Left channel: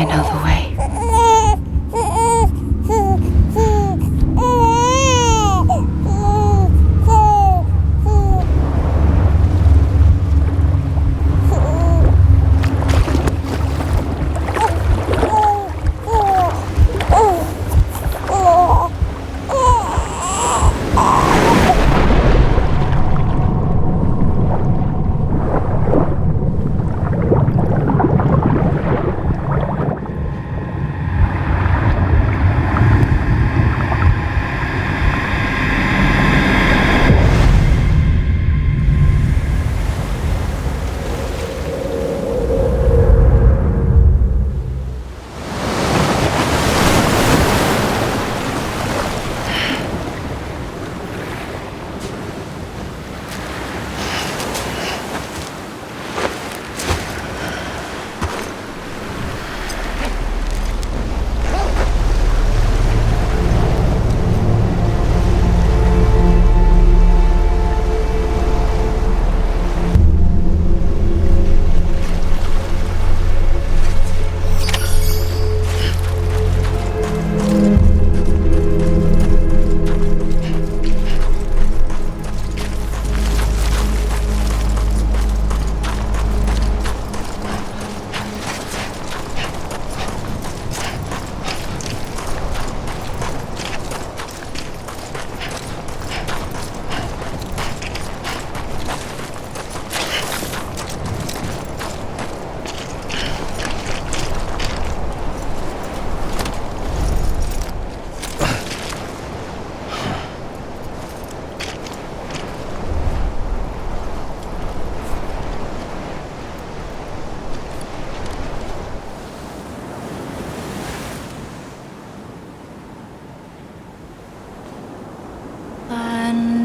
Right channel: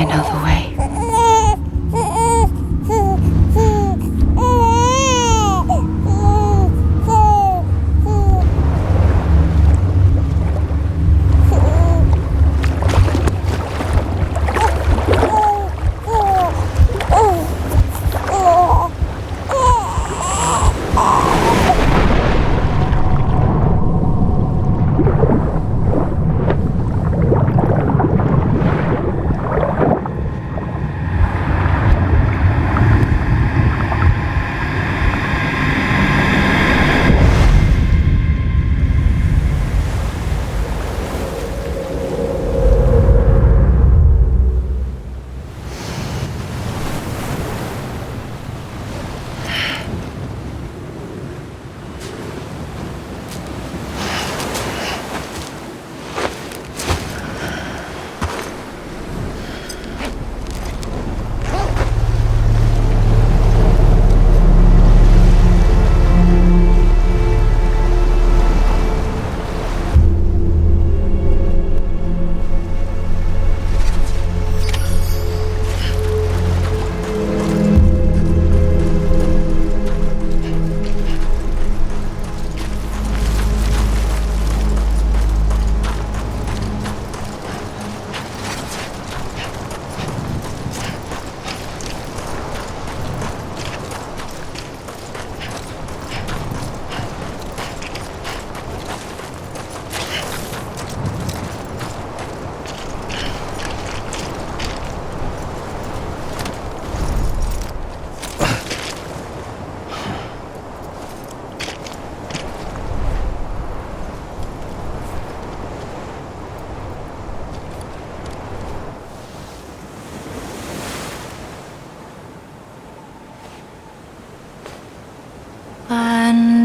I know the way.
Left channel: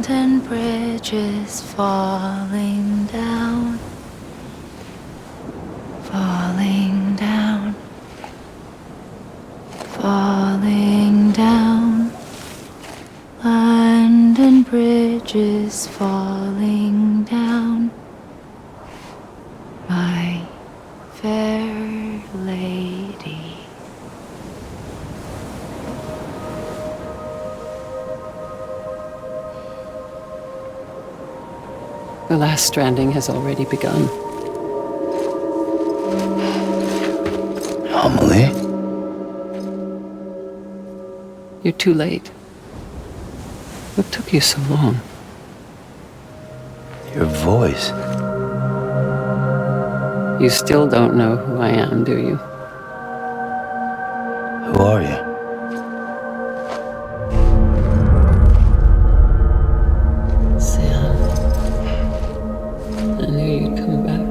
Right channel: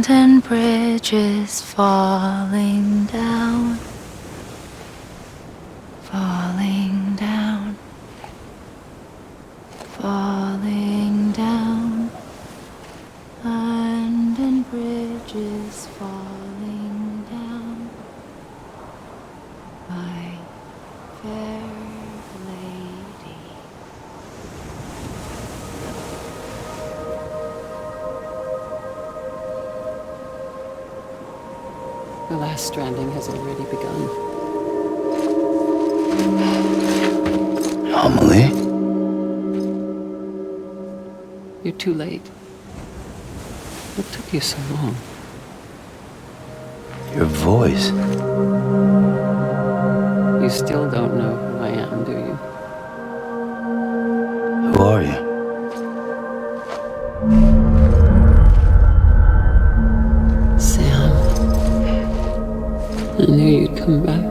And bridges falling down, falling down, falling down. London bridges falling down, my fair lady. The last stranding has already begun. Amelie? You're too late. What took you so long? Your voice. You still don't know who I am, do you? Who are you? Sam. I knew you'd come back.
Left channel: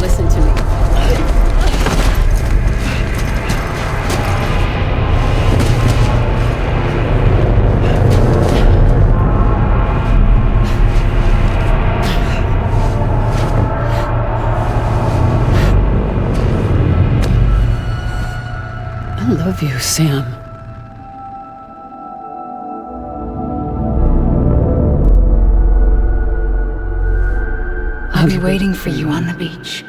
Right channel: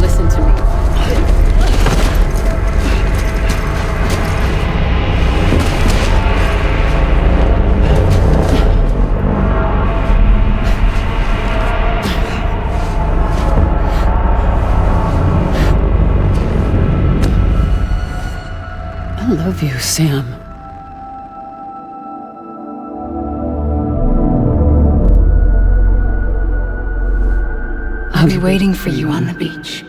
Listen to me. I love you, Sam. I'll be waiting for you on the beach.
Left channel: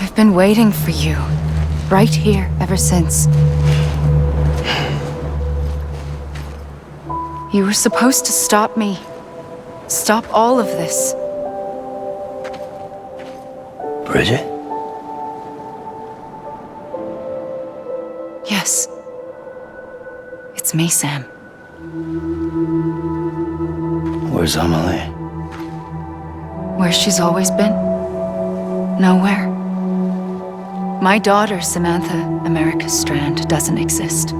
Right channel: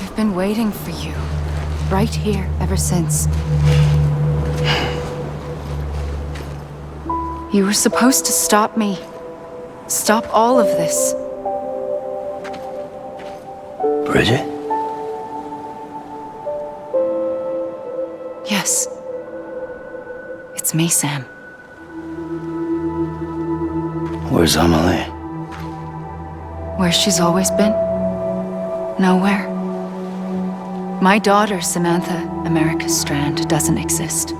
I've been waiting for you, right here, ever since. You were supposed to stop me. Stop all of this. Bridget? Yes. It's me, Sam. Where's Amelie? Where she's always been. Nowhere. My daughter, Samantha America Strand, doesn't exist.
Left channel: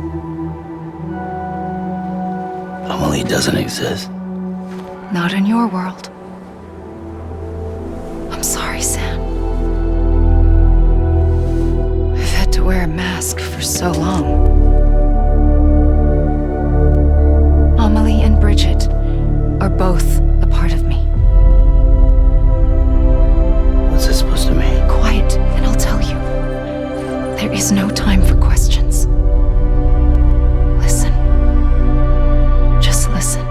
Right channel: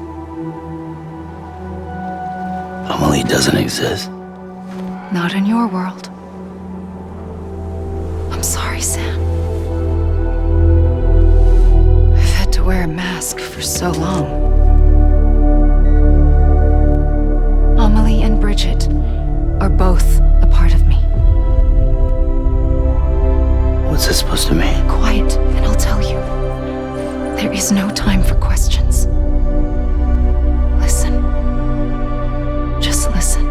Amelie doesn't exist. Not in your world. wear a mask for so long. Amelie and Bridget are both a part of me. What's this supposed to mean? Quiet, and I'll tell you. There is no time for questions. Listen. Just listen.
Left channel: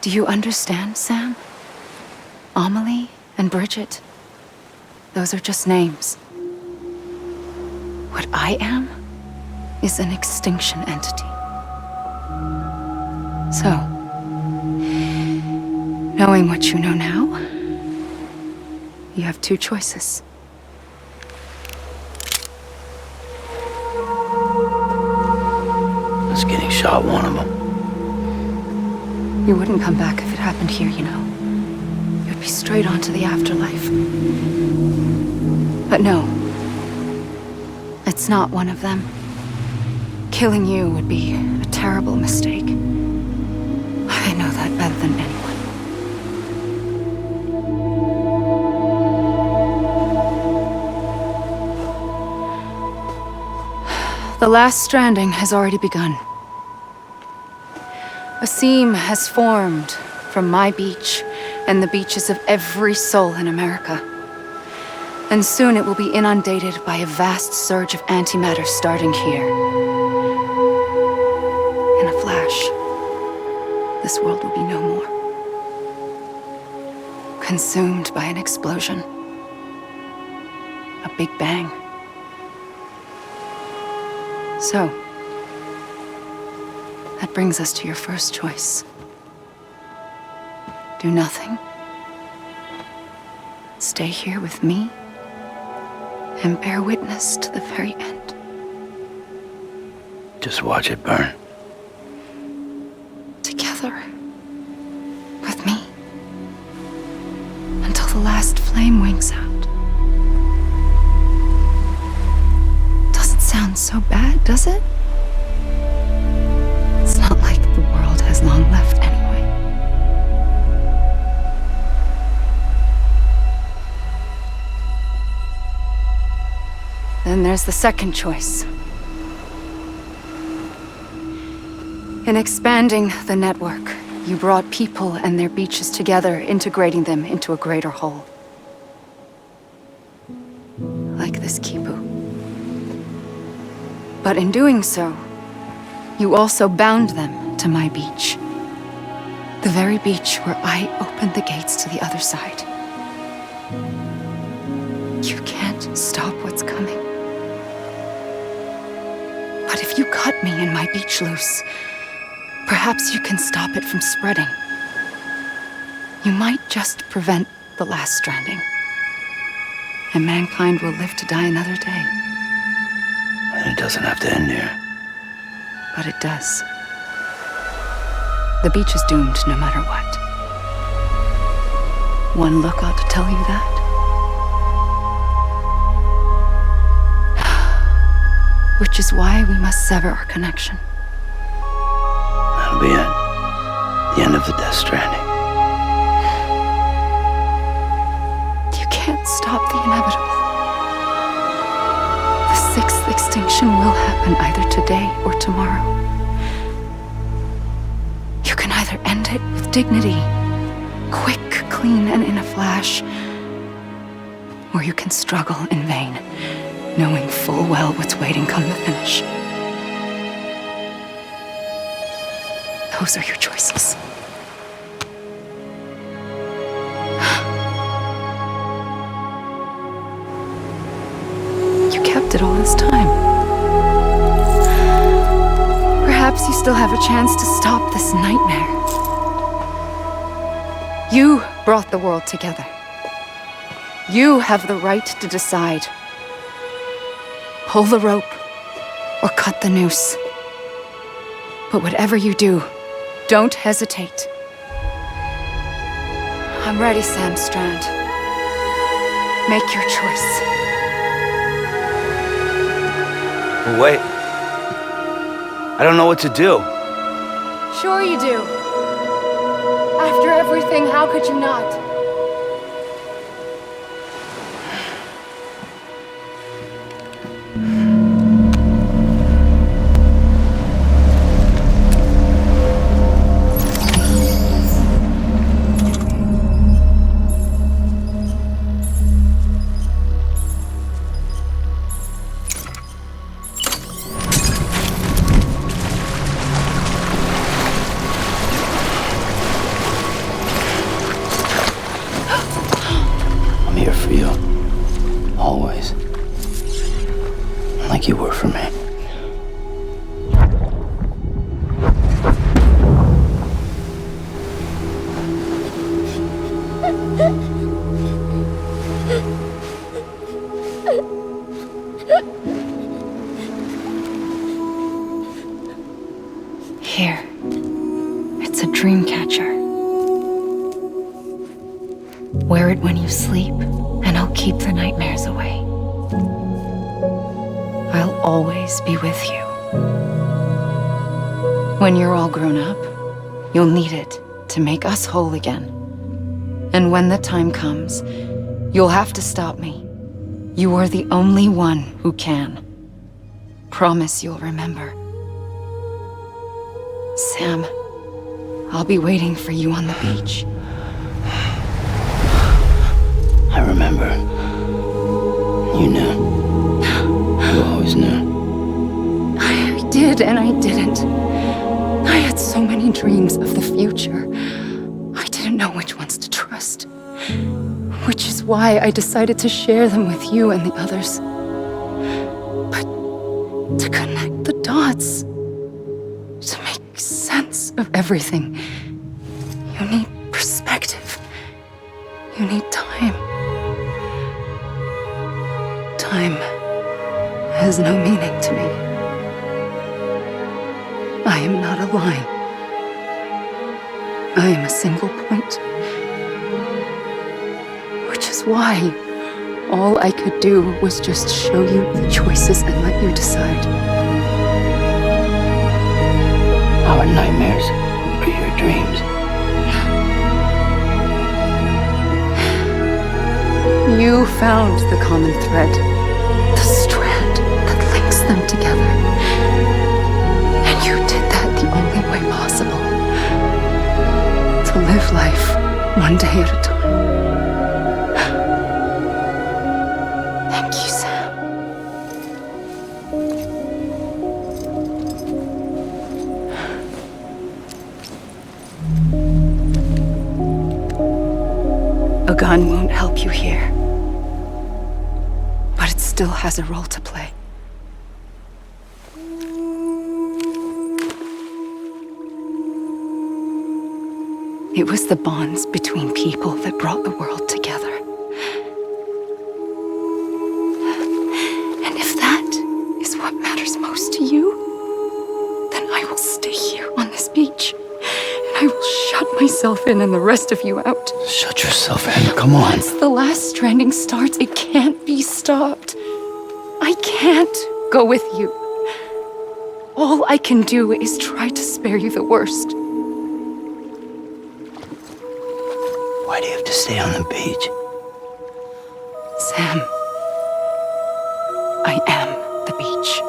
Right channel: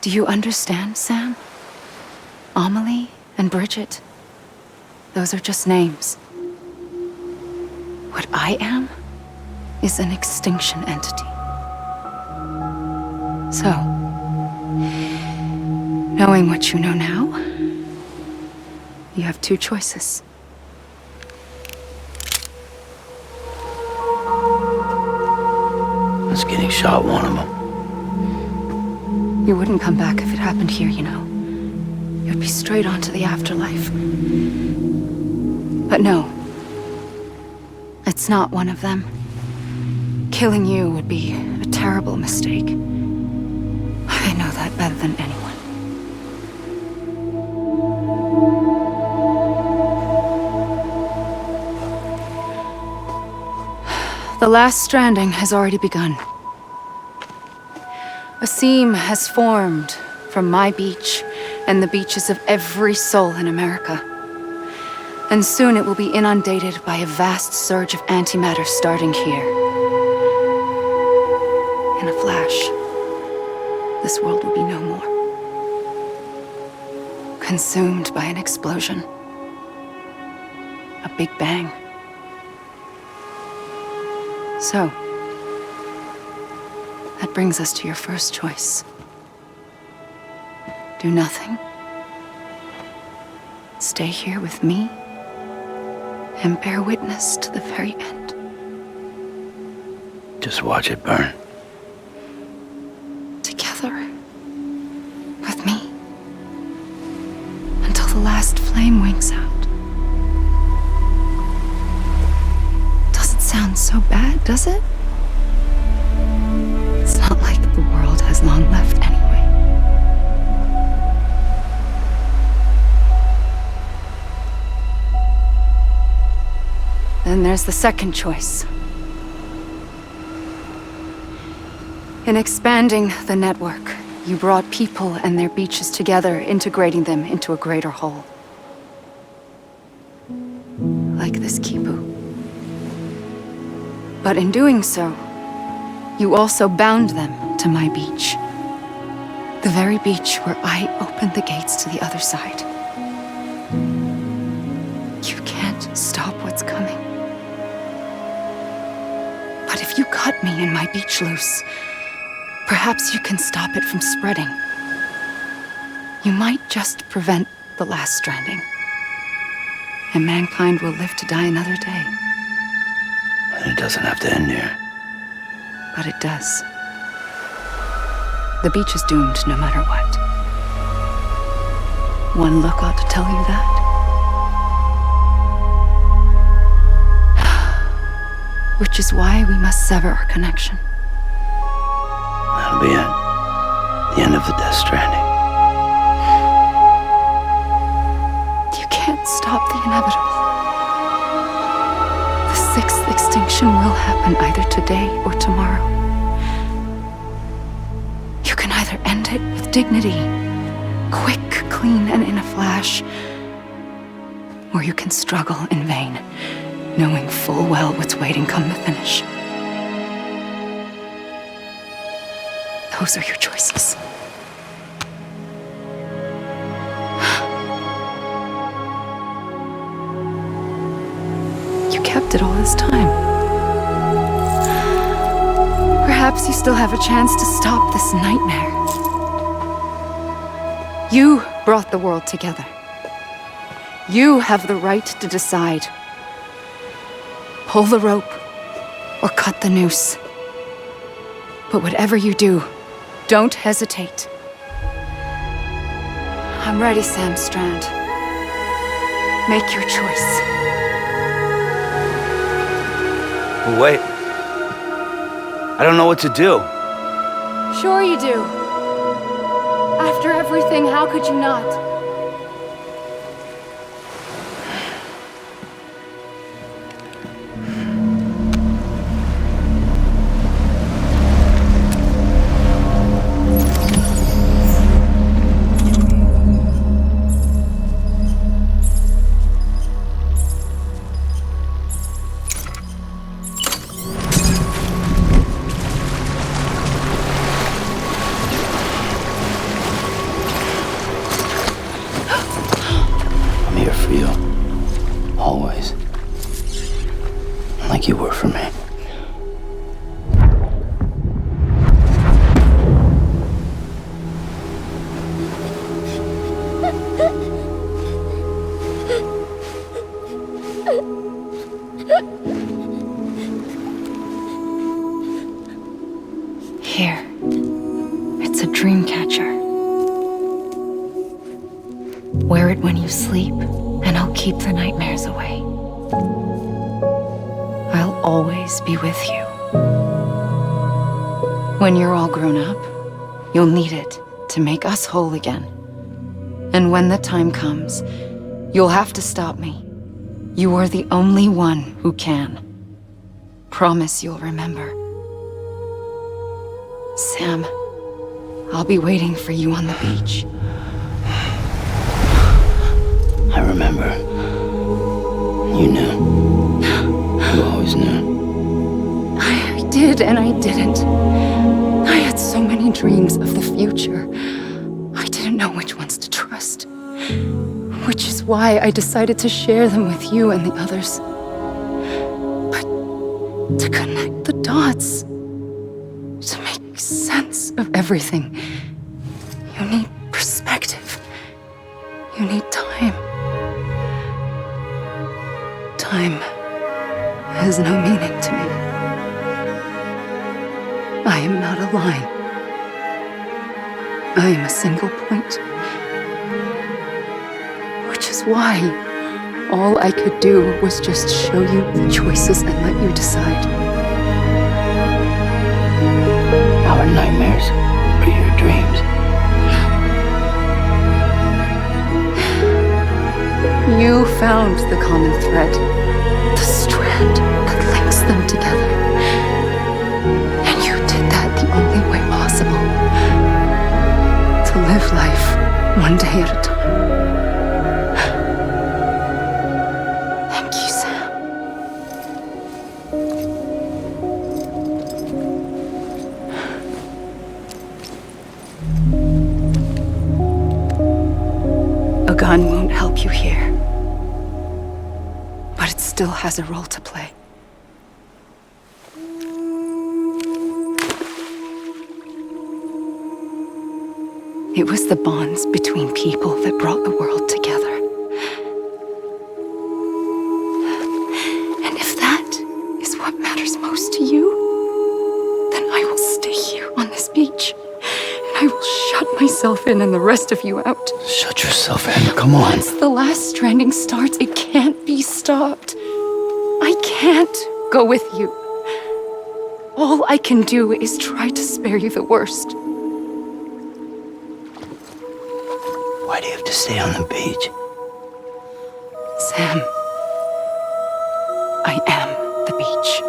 Do you understand, Sam? Amelie and Bridget, those are just names. What I am is an extinction entity. So, knowing what you know now, you have two choices. Is getting shot one of them? You wouldn't come back if it happened here, you know. You'd be straight on to the afterlife. But no. It's not one of them. Killing you would be a terrible mistake. I know that better than anyone. The last stranding has already begun. A seam has formed from my beach and the beaches of every soul in America. And soon it will be inundated by a vast surge of antimatter starting here. In a flash, this world will be no more. Consumed by an explosion. A big bang. So, that brings us to your first choice. Do nothing. Stay here with me and bear witness to the very end. Just watch it burn. Together. With me. Until the last flame winks out. Doesn't sound so bad, does it? It's not like the world has long left anyway. Then there's the second choice. In expanding the network, you brought people and their beaches together, integrating them into a greater whole. Like this Kipu. But in doing so, you also bound them to my beach. The very beach where I opened the gates to the other side. You can't stop what's coming. But if you cut me and my beach loose, perhaps you can stop it from spreading. You might just prevent the last stranding. And mankind will live to die another day. And it doesn't have to end here. But it does. The beach is doomed no matter what. One look ought to tell you that. Which is why we must sever our connection. That'll be it. The end of the Death Stranding. You can't stop the inevitable. The sixth extinction will happen either today or tomorrow. You can either end it with dignity, quick, clean, and in a flash, or you can struggle in vain, knowing full well what's waiting come the finish. Those are your choices. You kept it all this time. Perhaps you still have a chance to stop this nightmare. You brought the world together. You have the right to decide. Pull the rope or cut the noose. But whatever you do, don't hesitate. I'm ready, Sam Strand. Make your choice. Wait. I don't know what to do. Sure you do. After everything, how could you not? I'm here for you. Always. Like you were for me. Here. It's a dream catcher. Wear it when you sleep, and I'll keep the nightmares away. I'll always be with you. When you're all grown up, you'll need it to make us whole again. And when the time comes, you'll have to stop me. You are the only one who can. Promise you'll remember. Sam, I'll be waiting for you on the beach. I remember. You knew. You always knew. I did and I didn't. I had so many dreams of the future. I didn't know which ones to trust. Which is why I decided to share them with you and the others. But to connect the dots, to make sense of everything, you need perspective. You need time. Time has no meaning to me. I am not a line. I am a single point. Which is why all I could do was just show you the choices and let you decide. Our nightmares are your dreams. You found the common thread, the strand that links them together. And you did that the only way possible. To live life one day at a time. Thank you, Sam. A gun won't help you here. But it still has a role to play. It was the bonds between people that brought the world together. And if that is what matters most to you, then I will stay here on this beach. And I will shut myself in and the rest of you out. Shut yourself in. Come on. Once the last stranding starts, it can't be stopped. I can't go with you. All I can do is try to spare you the worst. Why do you have to stay on the beach? Sam, I am the beach.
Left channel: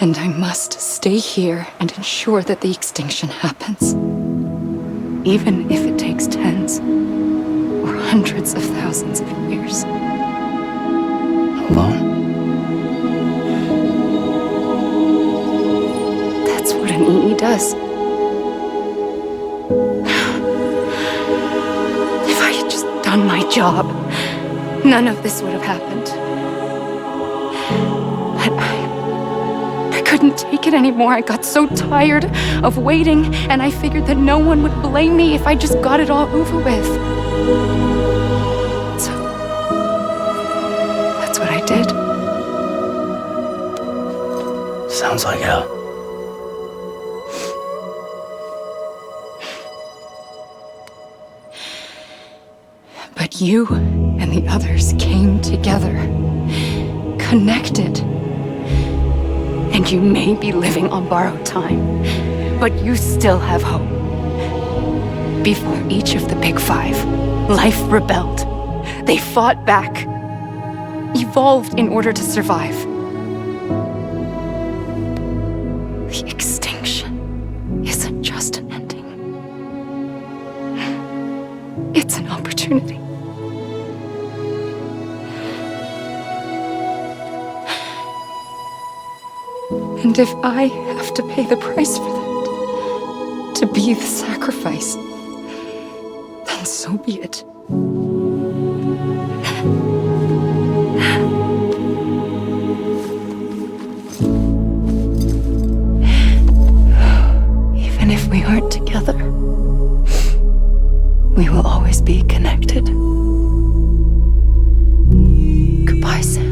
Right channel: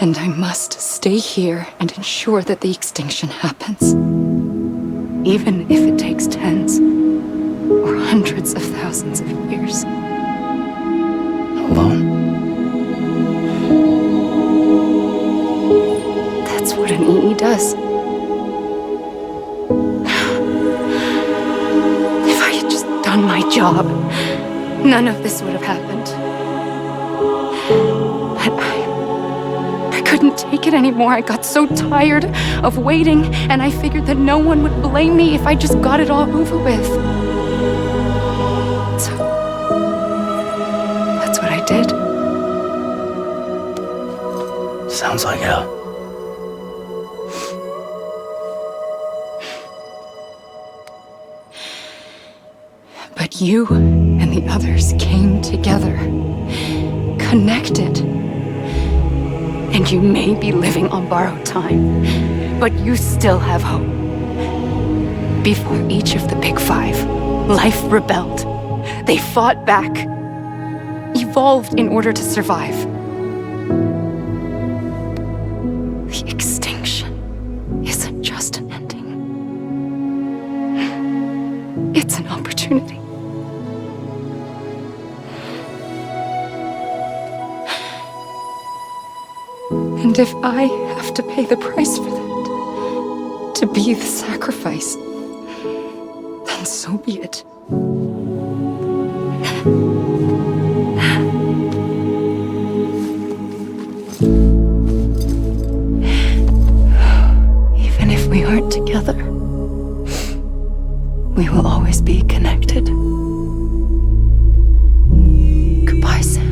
And I must stay here and ensure that the extinction happens. Even if it takes tens or hundreds of thousands of years. Alone? That's what an EE does. If I had just done my job, none of this would have happened. But I couldn't take it anymore. I got so tired of waiting, and I figured that no one would blame me if I just got it all over with. So, that's what I did. Sounds like hell. But you and the others came together, connected, and you may be living on borrowed time, but you still have hope. Before each of the big five, life rebelled. They fought back, evolved in order to survive. The extinction isn't just an ending. It's an opportunity. And if I have to pay the price for that, to be the sacrifice, then so be it. Even if we aren't together, we will always be connected. Goodbye, Sam.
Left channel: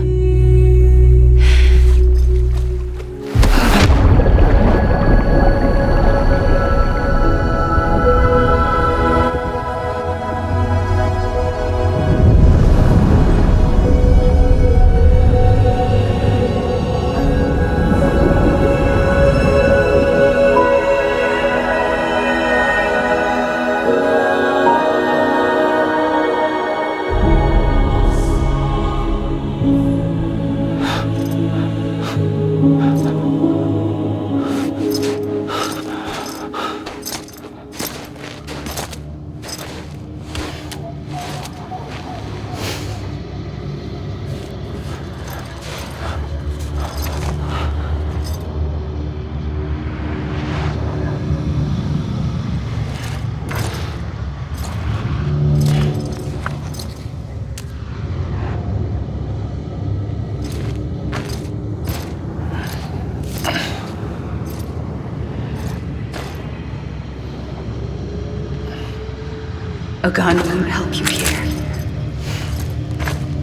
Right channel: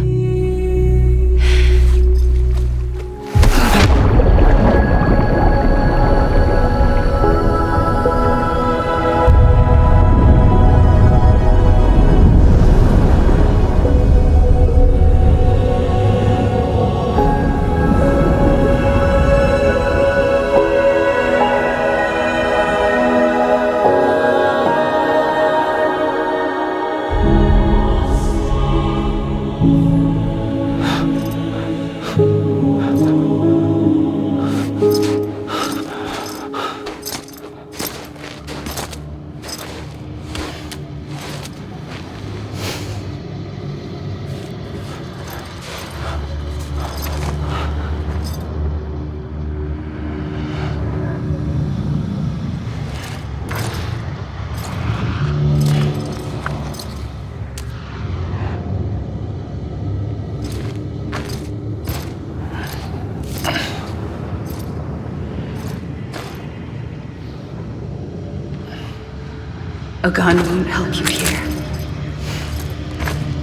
A gun won't help you here,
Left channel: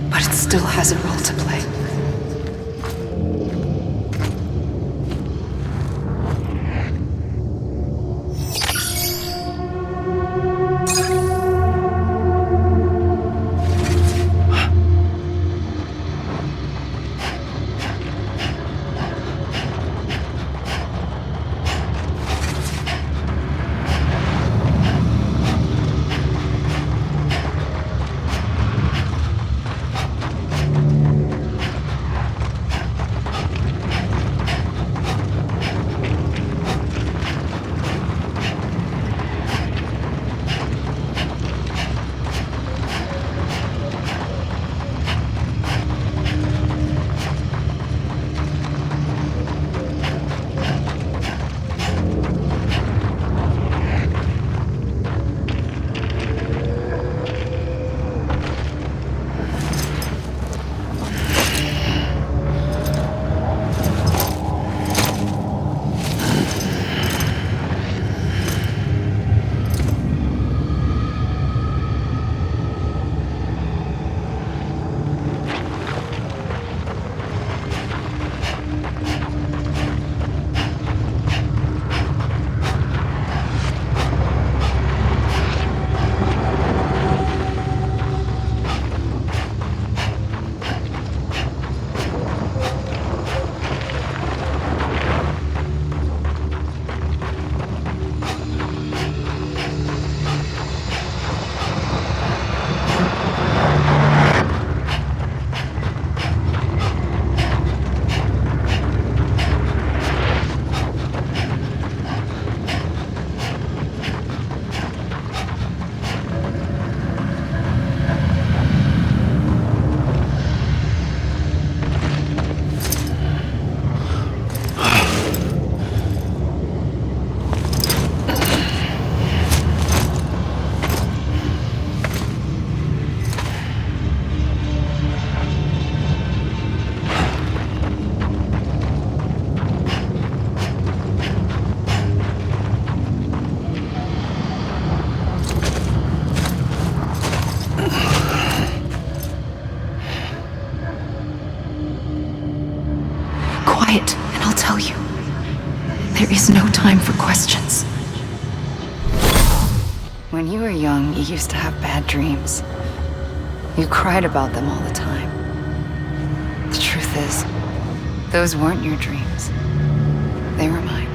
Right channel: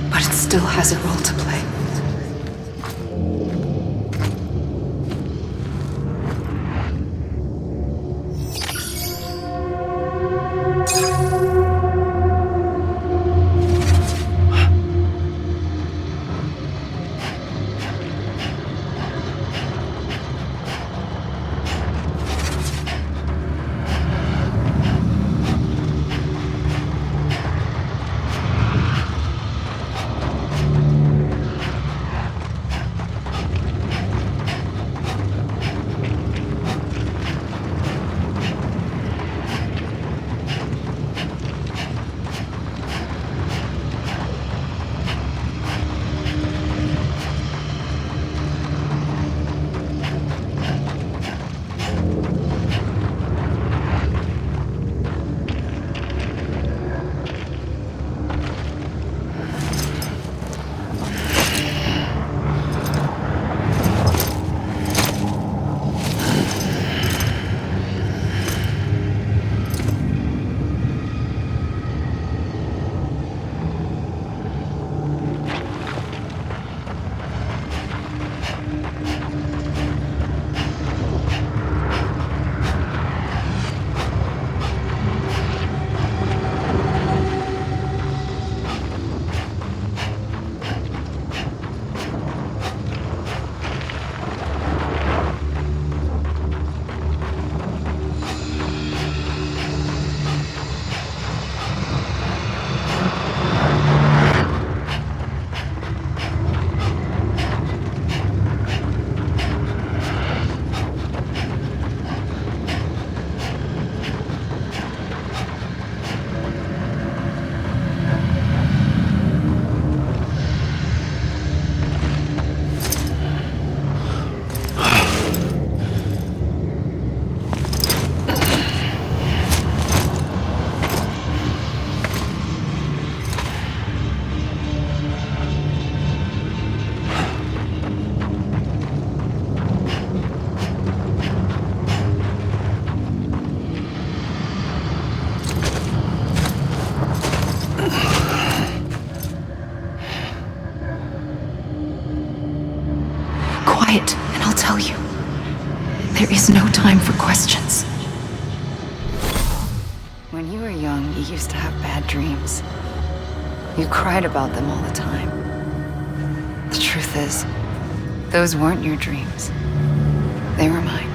but it still has a role to play. Quiet, and I'll tell you. There is no time for questions. When you were young, you used to have bad dreams. You cried about them all the time. The truth is, Those weren't your dreams. They were mine.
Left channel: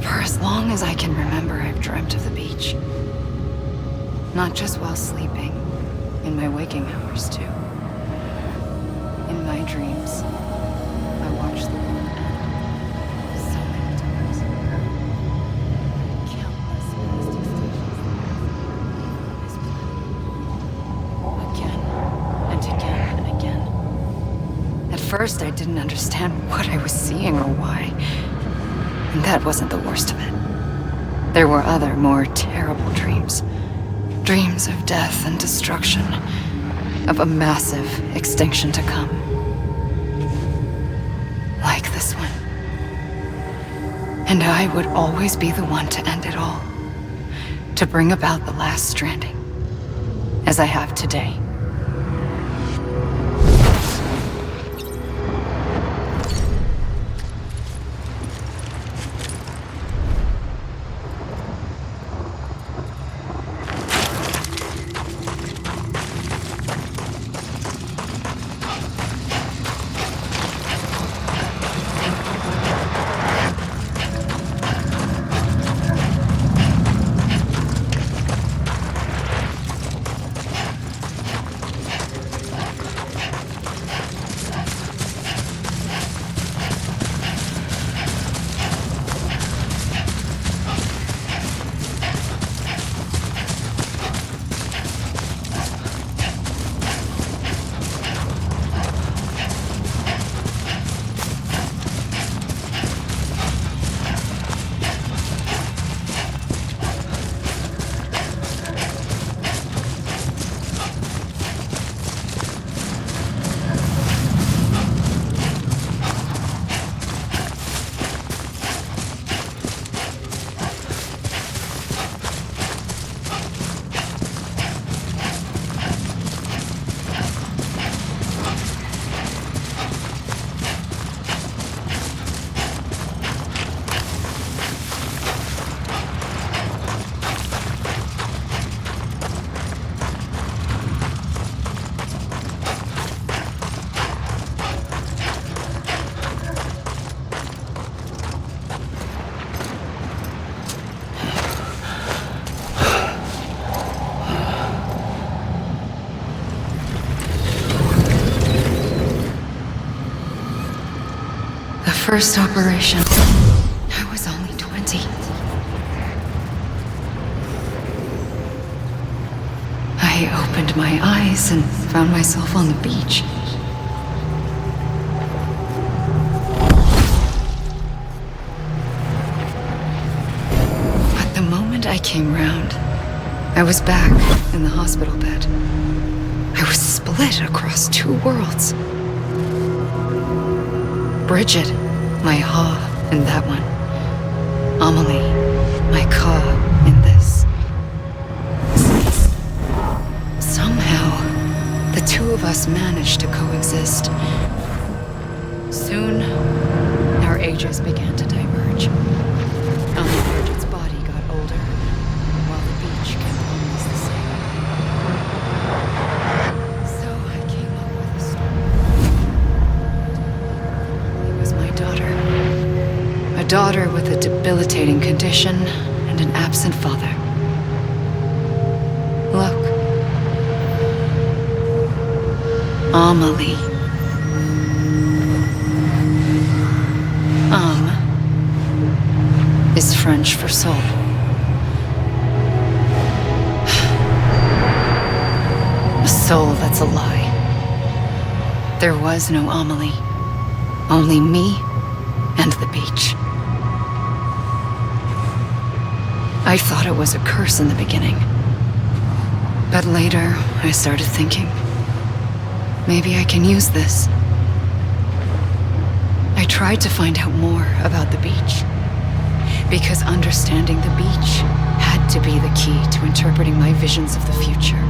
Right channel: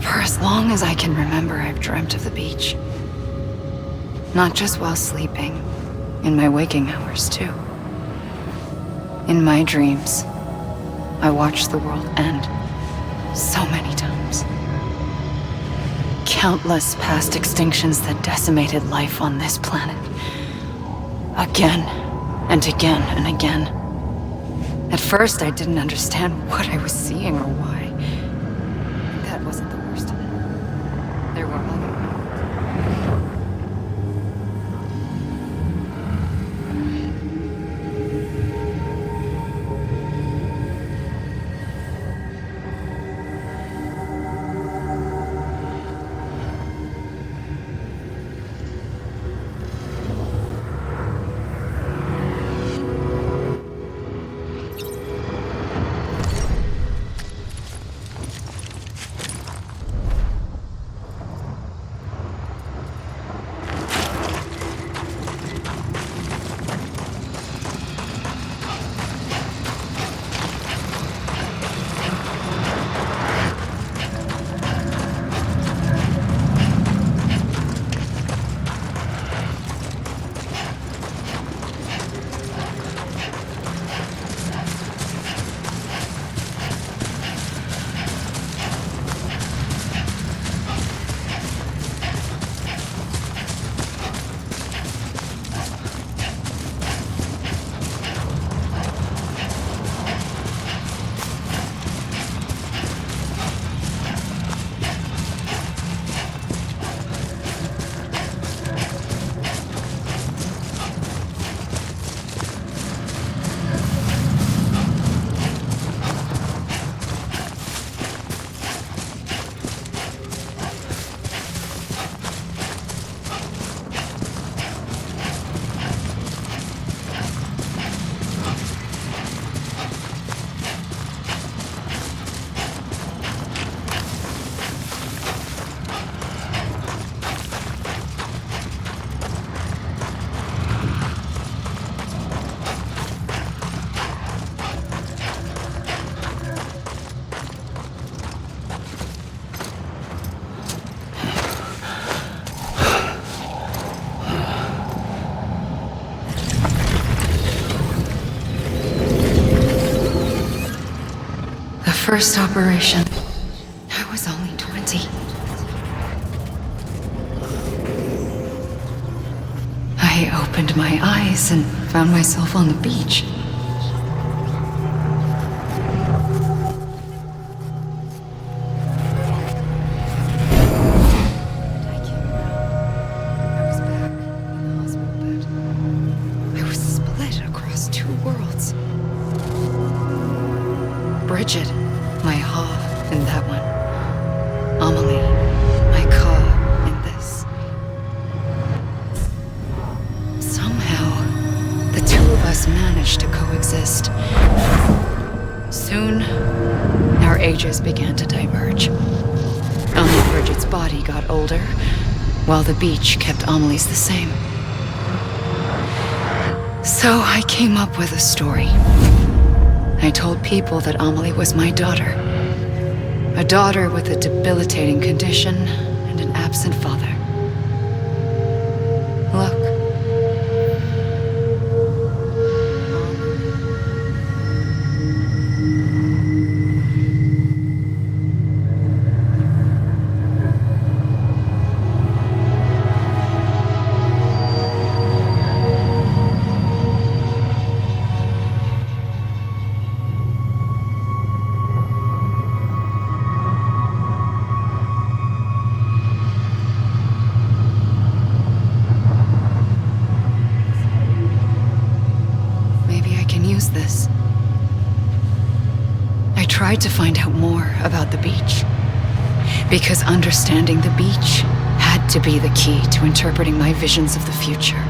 For as long as I can remember, I've dreamt of the beach. Not just while sleeping, in my waking hours too. In my dreams, I watched the world end so many times. Countless past extinctions that decimated life on this planet. Again and again and again. At first, I didn't understand what I was seeing or why. And that wasn't the worst of it. There were other, more terrible dreams. Dreams of death and destruction. Of a massive extinction to come. Like this one. And I would always be the one to end it all. To bring about the last stranding. As I have today. First operation. I was only 20. I opened my eyes and found myself on the beach. But the moment I came round, I was back in the hospital bed. I was split across two worlds. Bridget, my ha in that one. Amelie, my ka in this. Somehow, the two of us managed to coexist. Soon, our ages began to diverge. Only Bridget's body got older, while the beach kept Amelie's the same. So I came up with a story. I told people that Amelie was my daughter. A daughter with a debilitating condition and an absent father. Look. Amelie. Is French for soul. A soul that's a lie. There was no Amelie. Only me and the beach. I thought it was a curse in the beginning. But later, I started thinking, maybe I can use this. I tried to find out more about the beach. Because understanding the beach had to be the key to interpreting my visions of the future.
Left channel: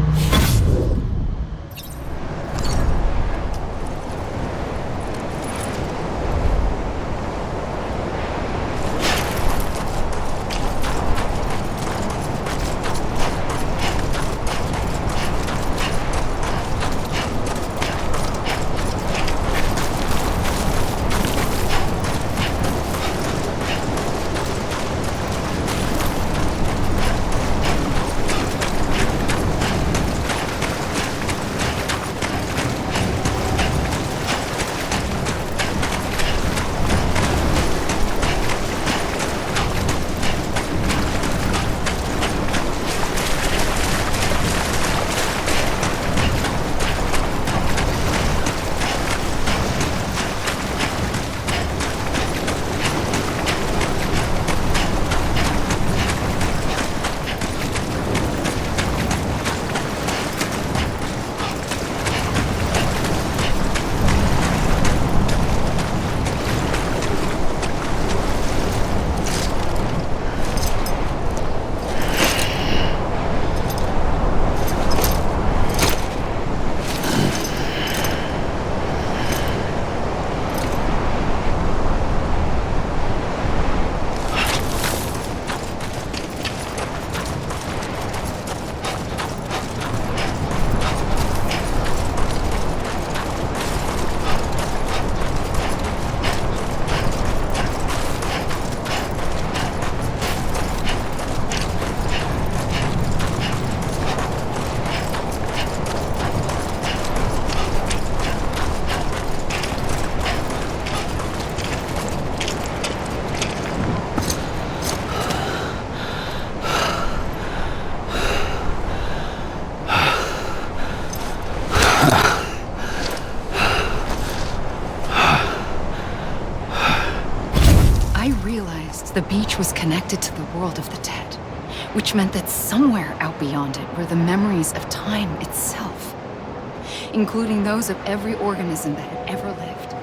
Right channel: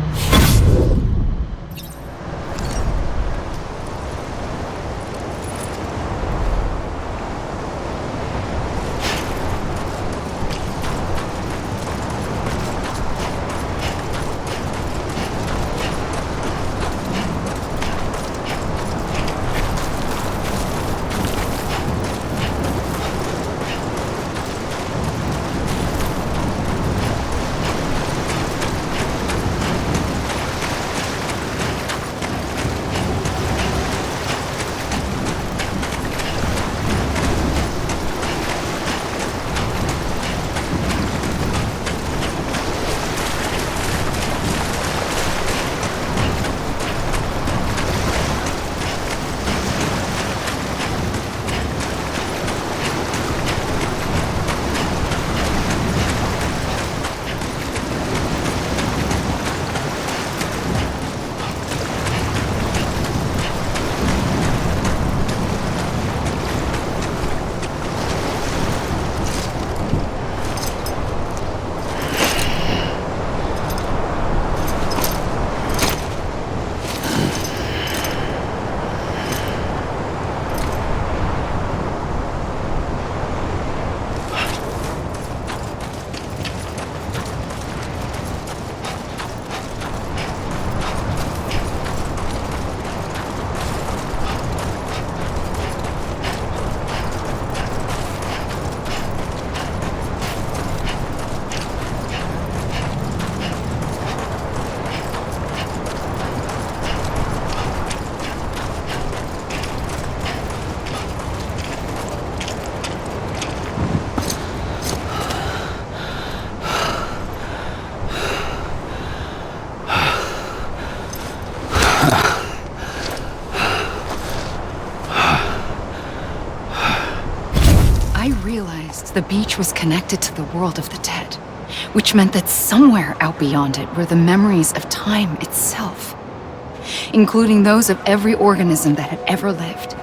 The beach was connected to the world of the dead, which meant that somewhere out beyond it were the memories of time itself, including those of every organism that had ever lived.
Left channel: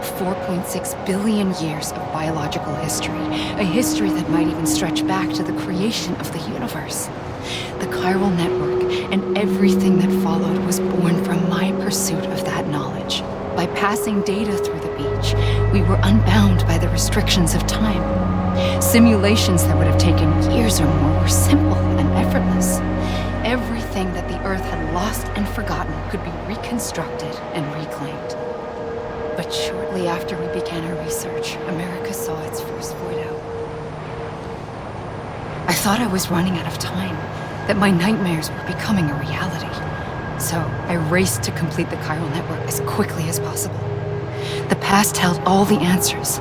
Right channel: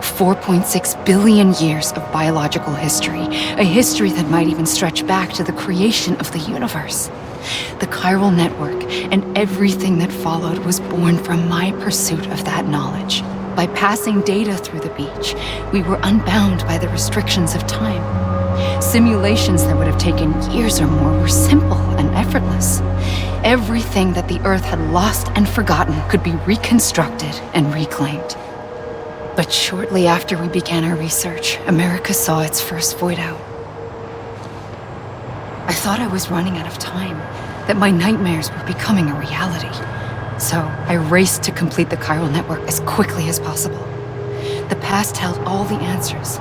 4.6 billion years of biological history, a history that might even stretch back to the creation of the universe. The chiral network and everything that followed was born from my pursuit of that knowledge. By passing data through the beach, we were unbound by the restrictions of time. Simulations that would have taken years or more were simple and effortless. Everything that the Earth had lost and forgotten could be reconstructed and reclaimed. But shortly after we began our research, America saw its first void out. I thought I was running out of time, that my nightmares were becoming a reality. So I raced to complete the chiral network as quickly as possible. The past held all the answers.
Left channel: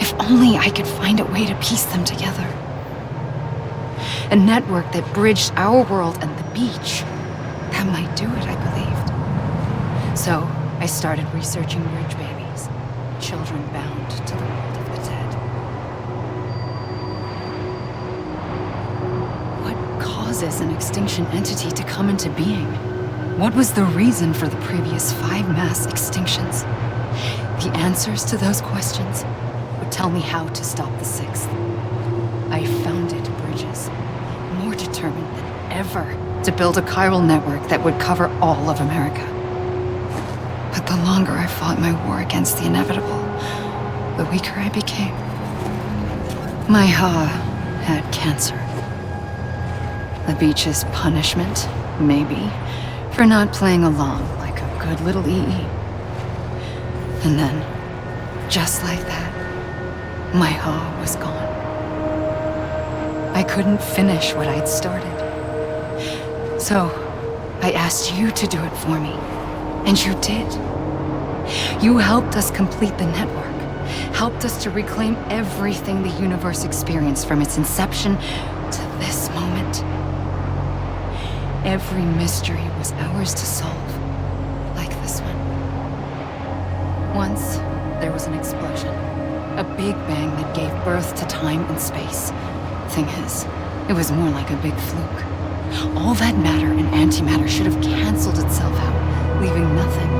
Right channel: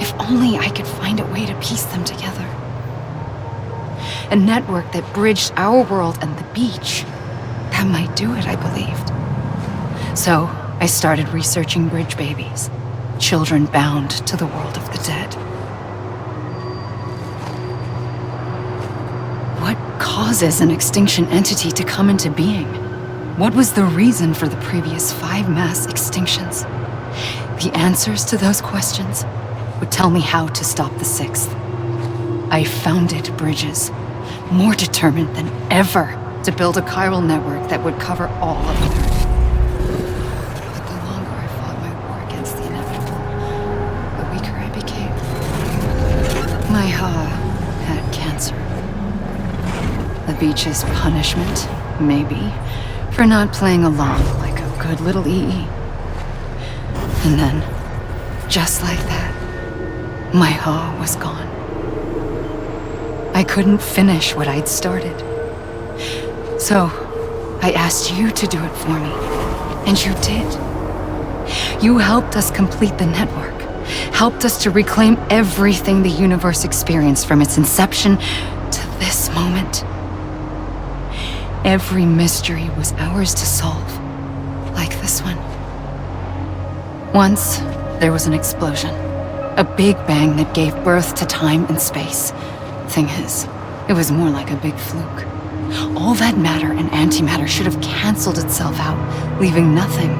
If only I could find a way to piece them together. A network that bridged our world and the beach. That might do it, I believed. So I started researching bridge babies, children bound to the world of the dead. What causes an extinction entity to come into being? What was the reason for the previous 5 mass extinctions? The answers to those questions would tell me how to stop the 6th. I founded bridges, more determined than ever to build a chiral network that would cover all of America. But the longer I fought my war against the inevitable, the weaker I became. My Ha had cancer. The beach's punishment, maybe, for not playing along like a good little EE. And then, just like that, my Ha was gone. I couldn't finish what I'd started. So, I asked you to do it for me, and you did. You helped us complete the network, helped us to reclaim everything the universe experienced from its inception to this moment. Every mystery was ours to solve, like this one. Once, there was an explosion. A big bang that gave birth to time and space. Thing is, it was more like a big fluke. All that matter and antimatter should have canceled itself out, leaving nothing.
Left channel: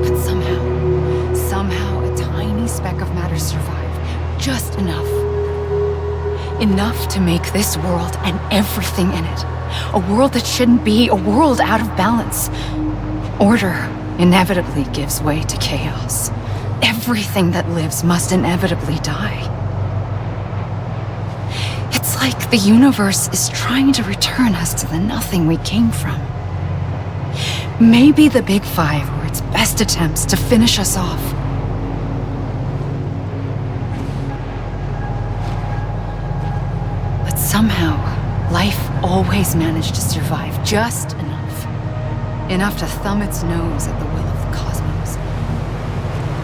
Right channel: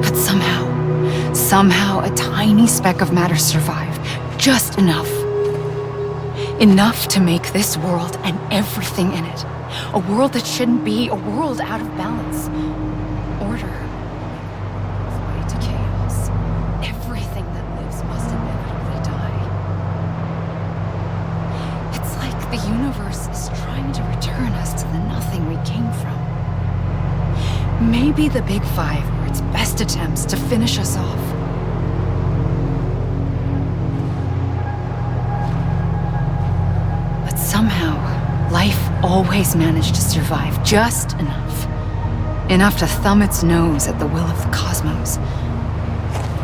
But somehow a tiny speck of matter survived. Just enough. Enough to make this world and everything in it. A world that shouldn't be, a world out of balance. Order inevitably gives way to chaos. Everything that lives must inevitably die. It's like the universe is trying to return us to the nothing we came from. Maybe the Big Five were its best attempts to finish us off. But somehow, life always managed to survive just enough. Enough to thumb its nose at the will of the cosmos.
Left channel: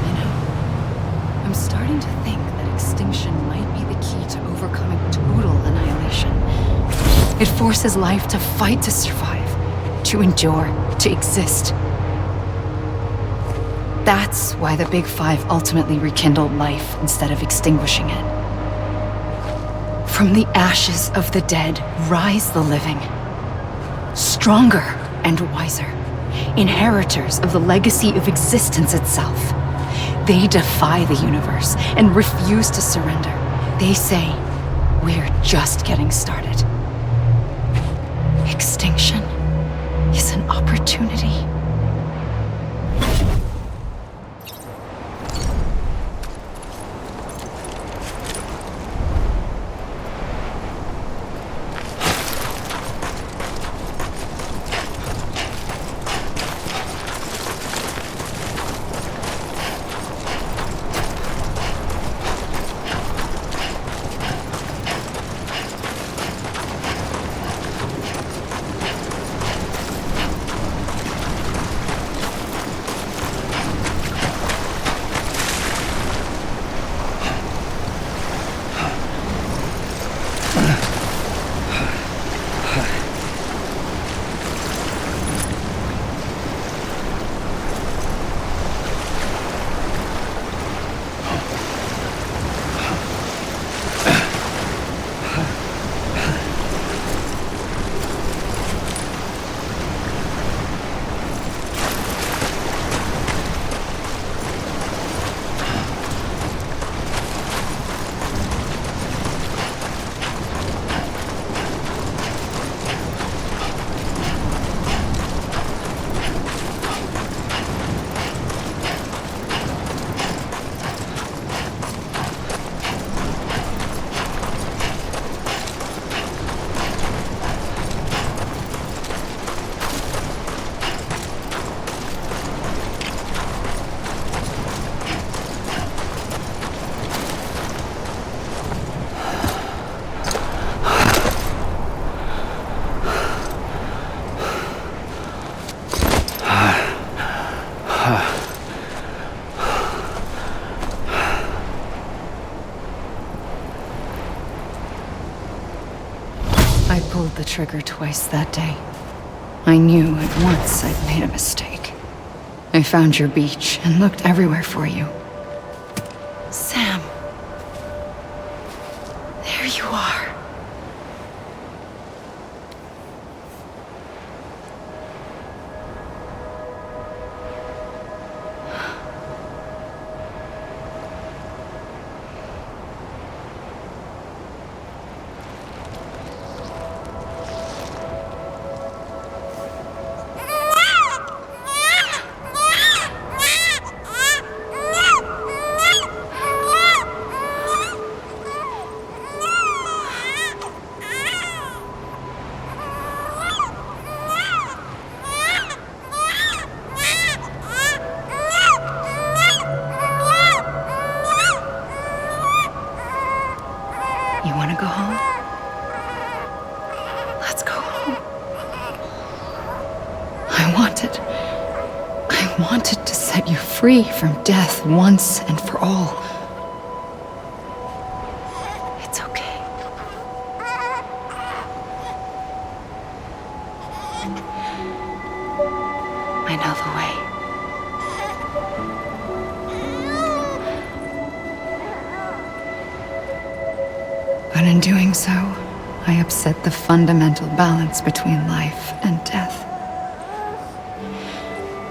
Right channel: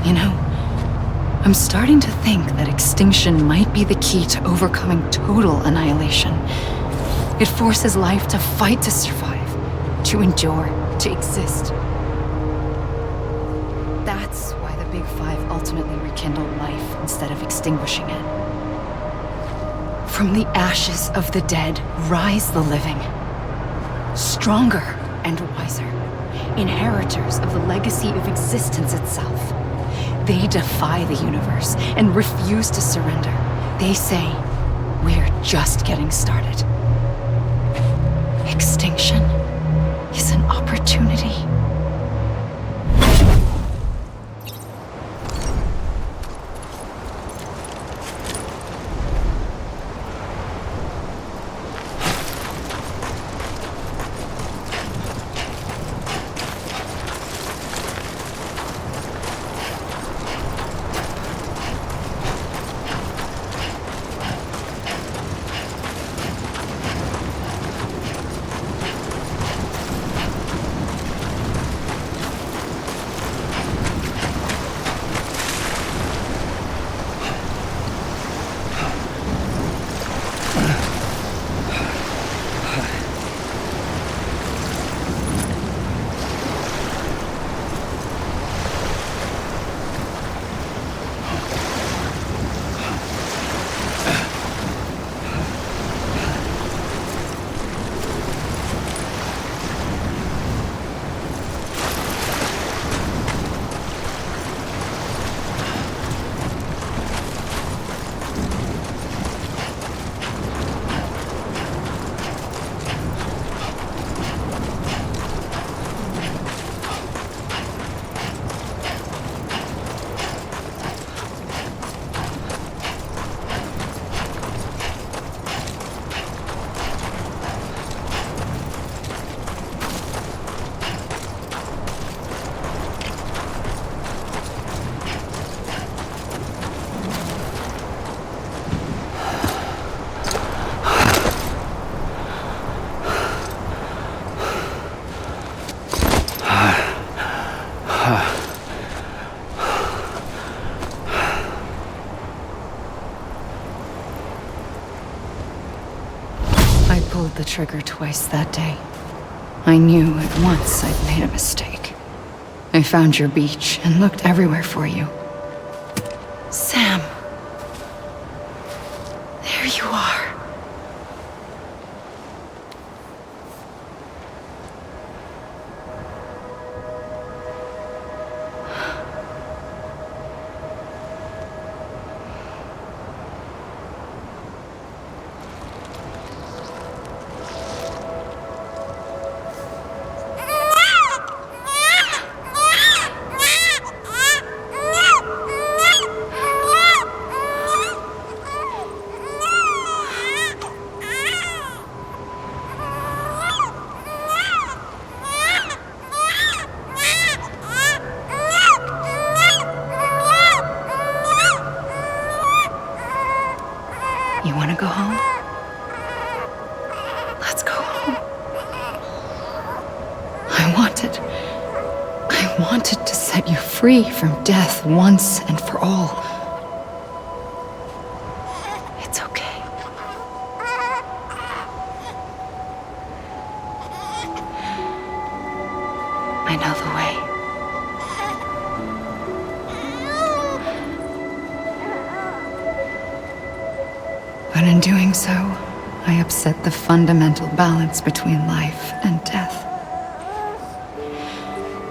You know, I'm starting to think that extinction might be the key to overcoming total annihilation. It forces life to fight to survive, to endure, to exist. That's why the Big Five ultimately rekindled life instead of extinguishing it. From the ashes of the dead rise the living. Stronger and wiser. Inheritors of the legacy of existence itself. They defy the universe and refuse to surrender. They say, we're just getting started. Extinction is an opportunity. I pulled the trigger twice that day. I knew at once I'd made a mistake. I found your beach and looked everywhere for you. Sam. There you are. You want to go home? Let's go home. I wanted to set you free from death once and for all. It's okay. I know the way. But in doing so, I upset the fundamental balance between life and death.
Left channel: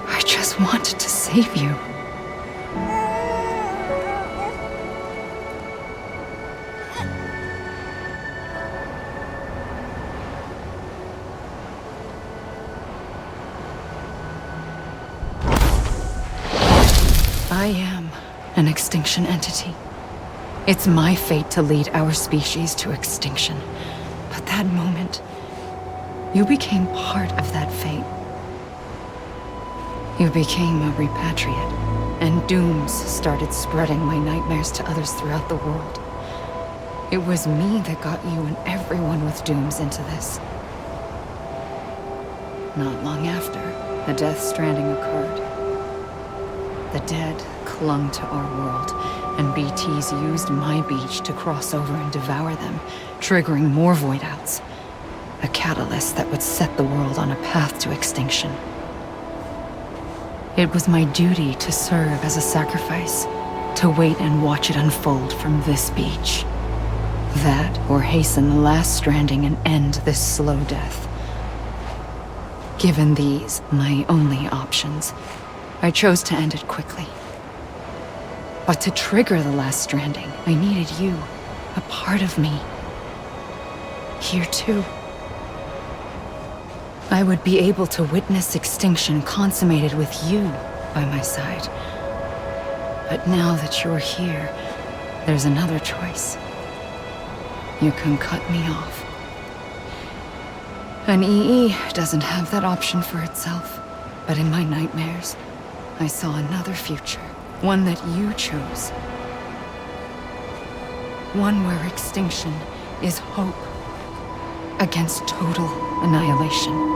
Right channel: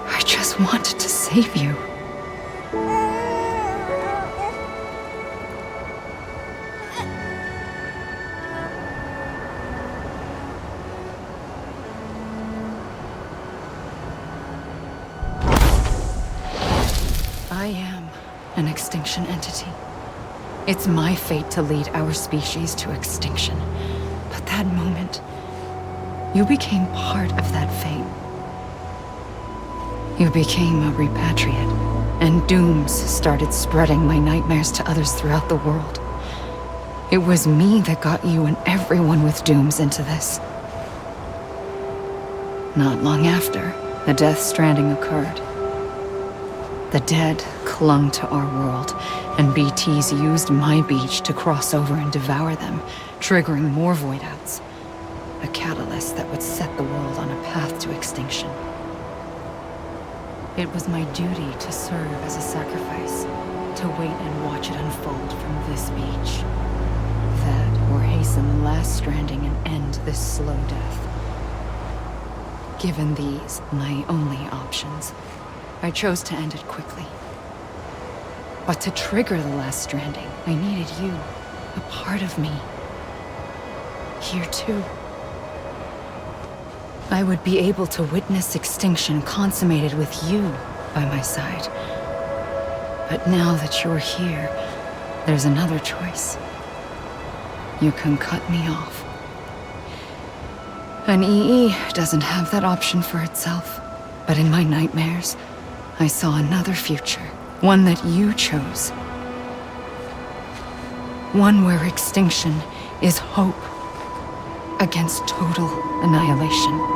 I just wanted to save you. I am an extinction entity. It's my fate to lead our species to extinction. But that moment, you became part of that fate. You became a repatriate, and dooms started spreading my nightmares to others throughout the world. It was me that got you and everyone with dooms into this. Not long after, the Death Stranding occurred. The dead clung to our world, and BTs used my beach to cross over and devour them, triggering more void outs. A catalyst that would set the world on a path to extinction. It was my duty to serve as a sacrifice, to wait and watch it unfold from this beach. That, or hasten the last stranding and end this slow death. Given these, my only options, I chose to end it quickly. But to trigger the last stranding, I needed you, a part of me. Here too. I would be able to witness extinction consummated with you by my side. But now that you're here, there's another choice. You can cut me off. An EE doesn't have that option for itself. But in my nightmares, I saw another future. One that you chose. One where extinction is hope against total annihilation.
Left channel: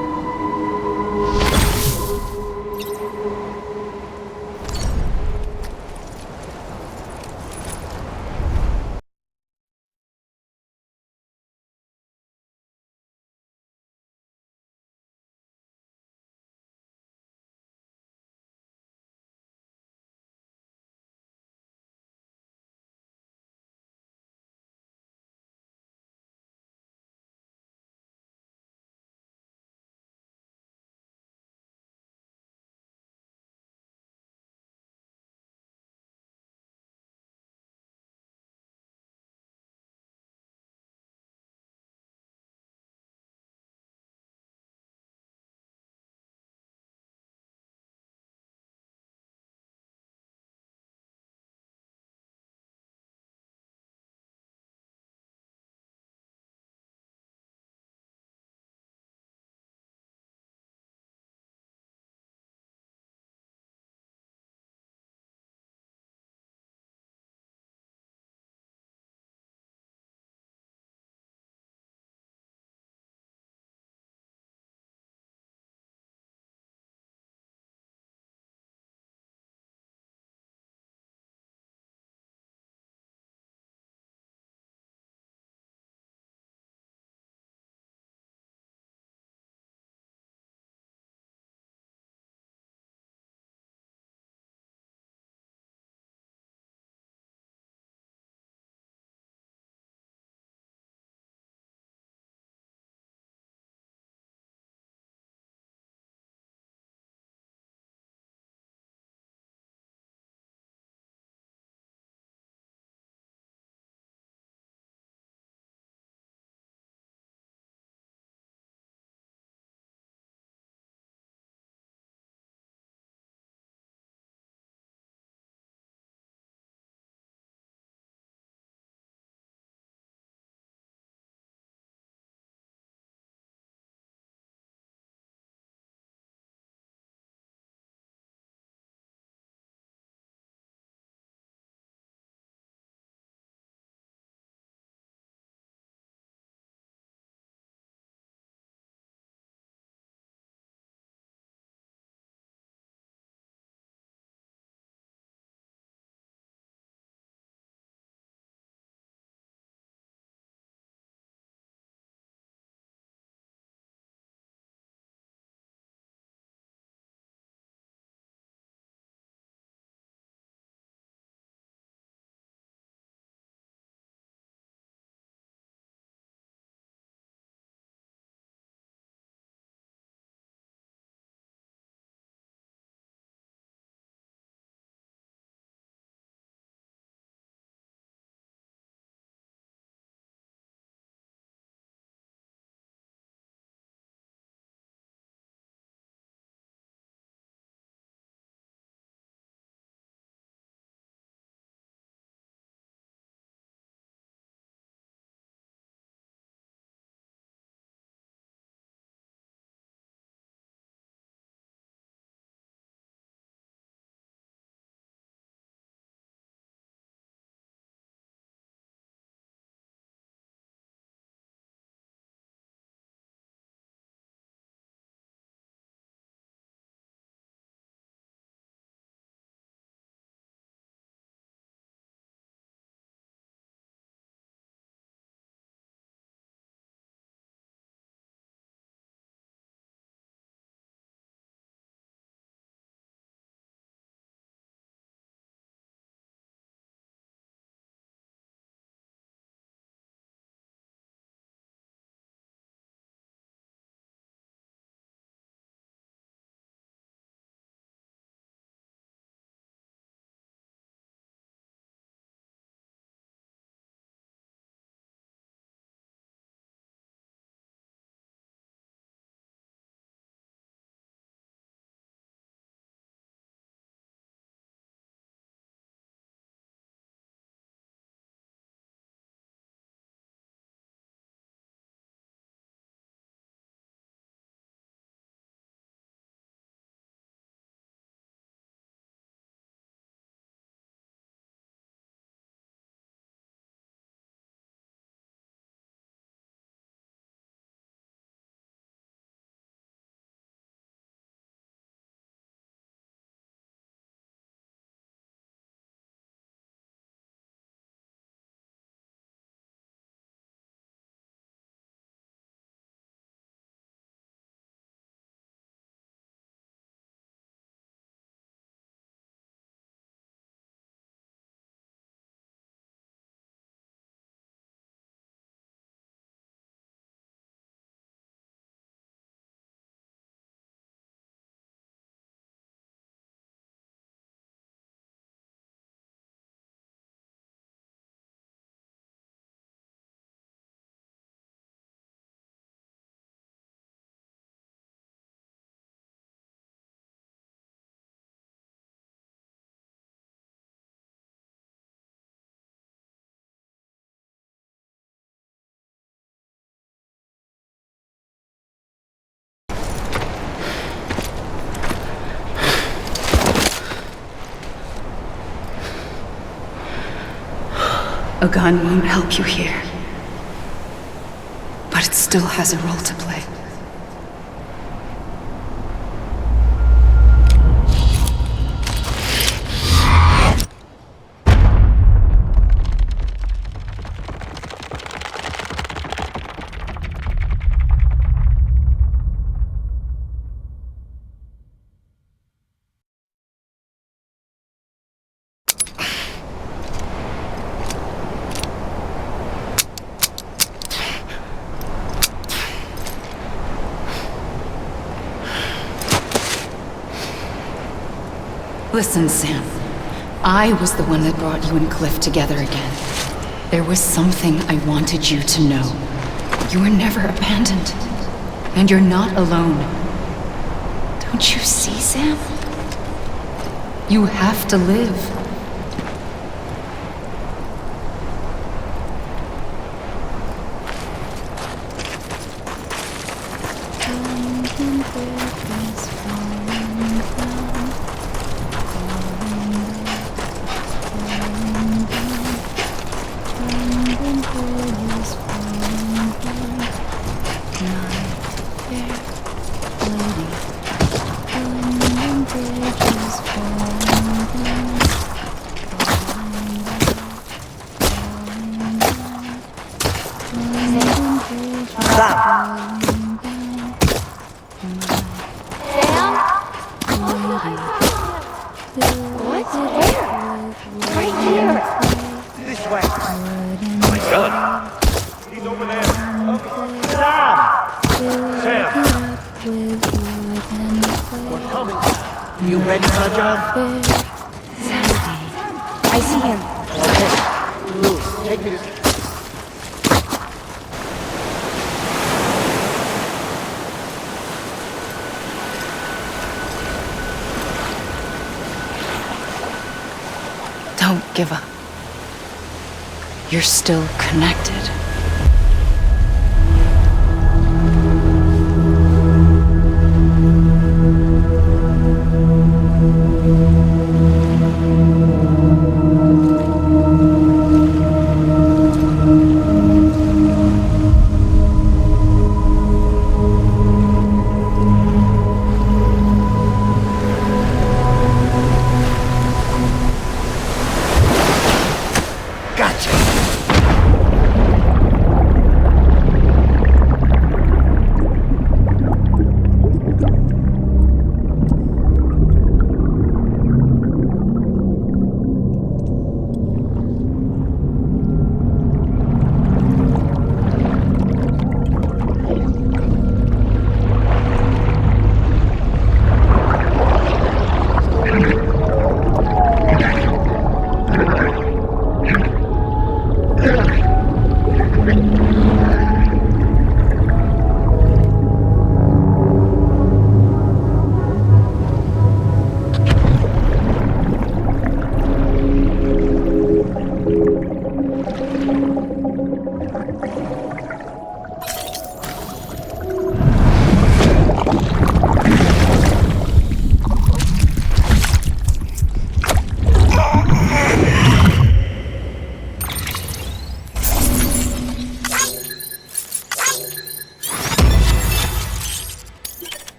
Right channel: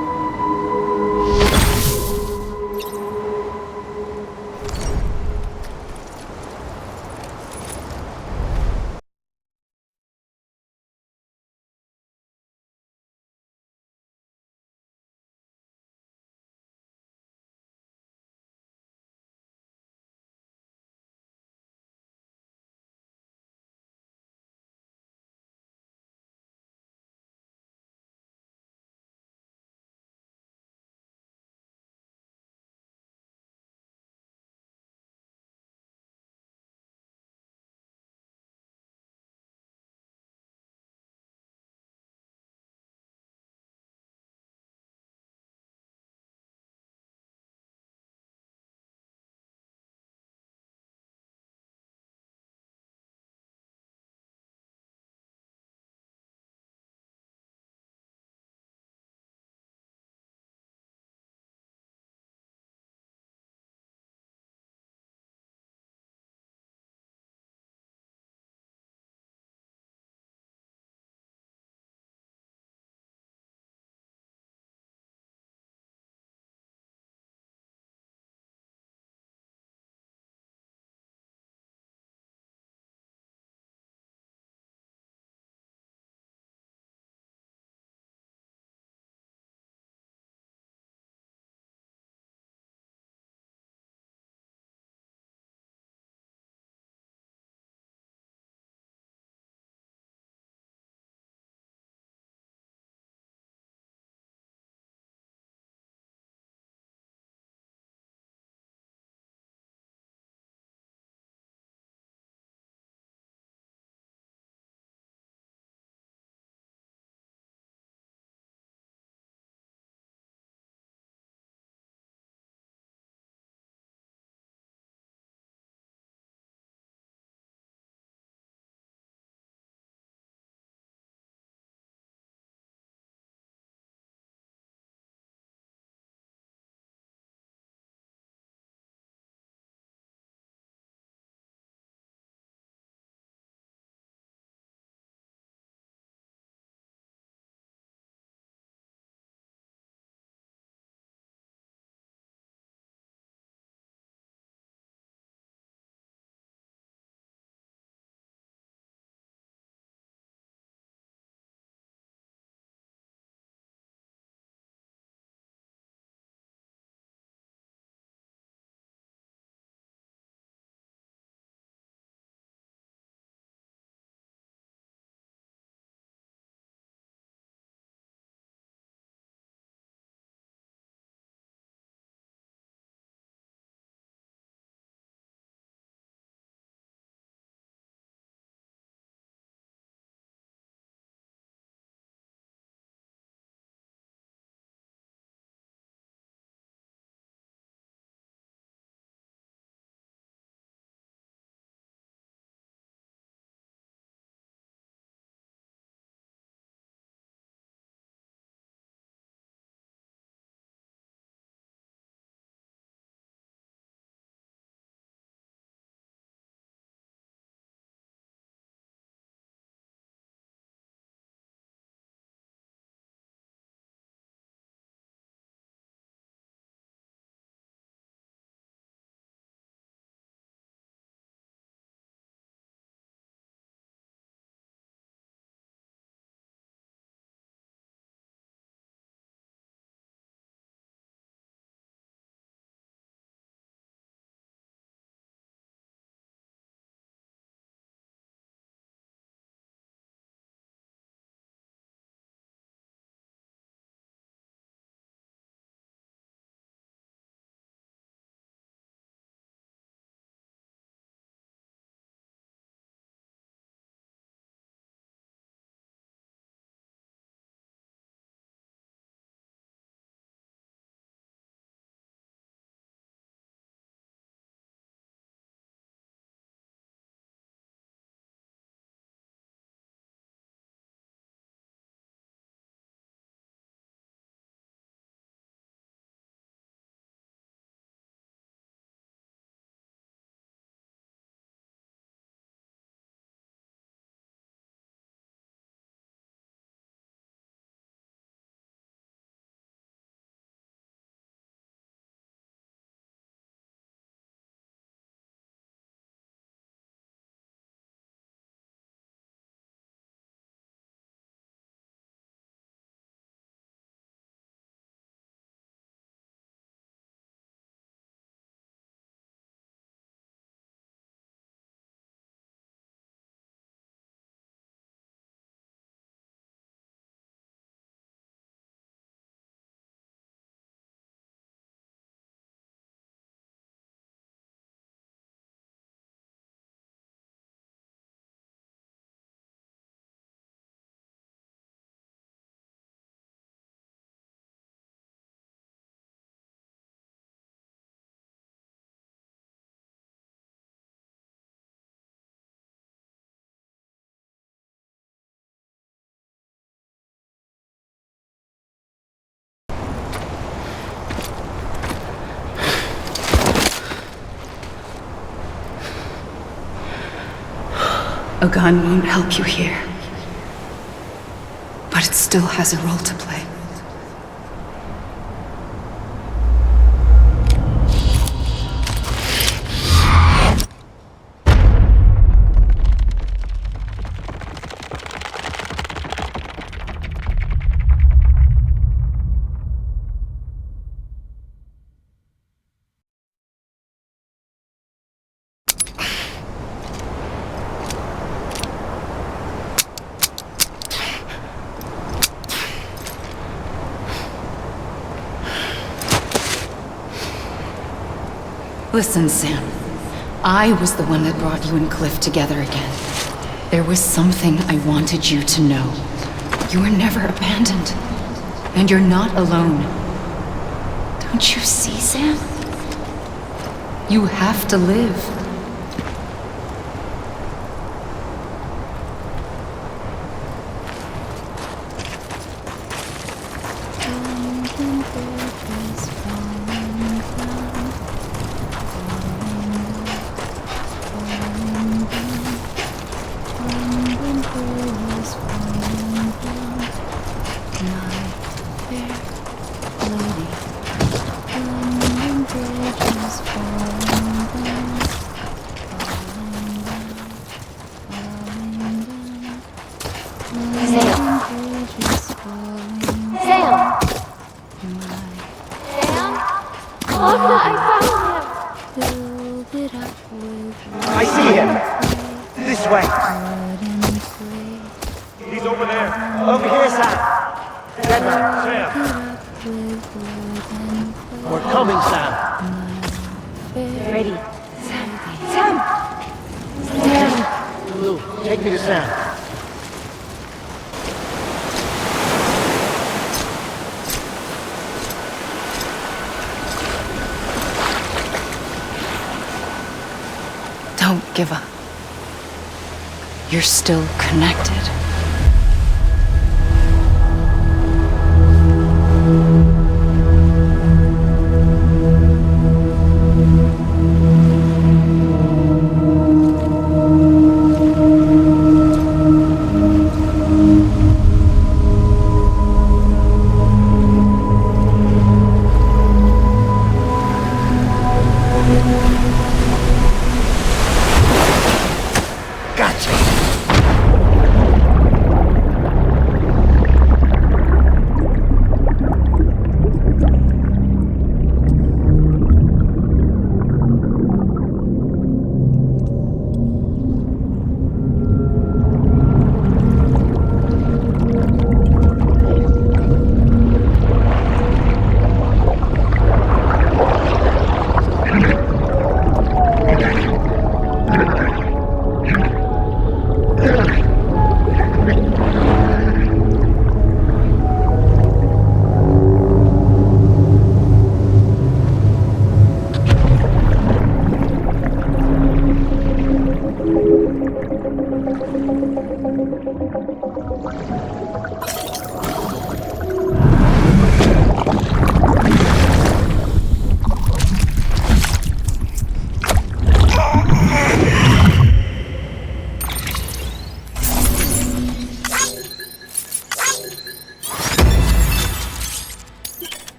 A gun won't help you here. But it still has a role to play. Listen, Sam. I was the one that brought you and Cliff together again. There was something I wanted you to know. You were never abandoned. And you're not alone. Don't you see, Sam? You have to live. I see him! This way! Oh my god! He's over there! Over here, Sam! We're coming, Sam! You ready for the job? Ready. Sam! I see him. Okay. Lou, take me to Sam. Don't give up. You're still connected.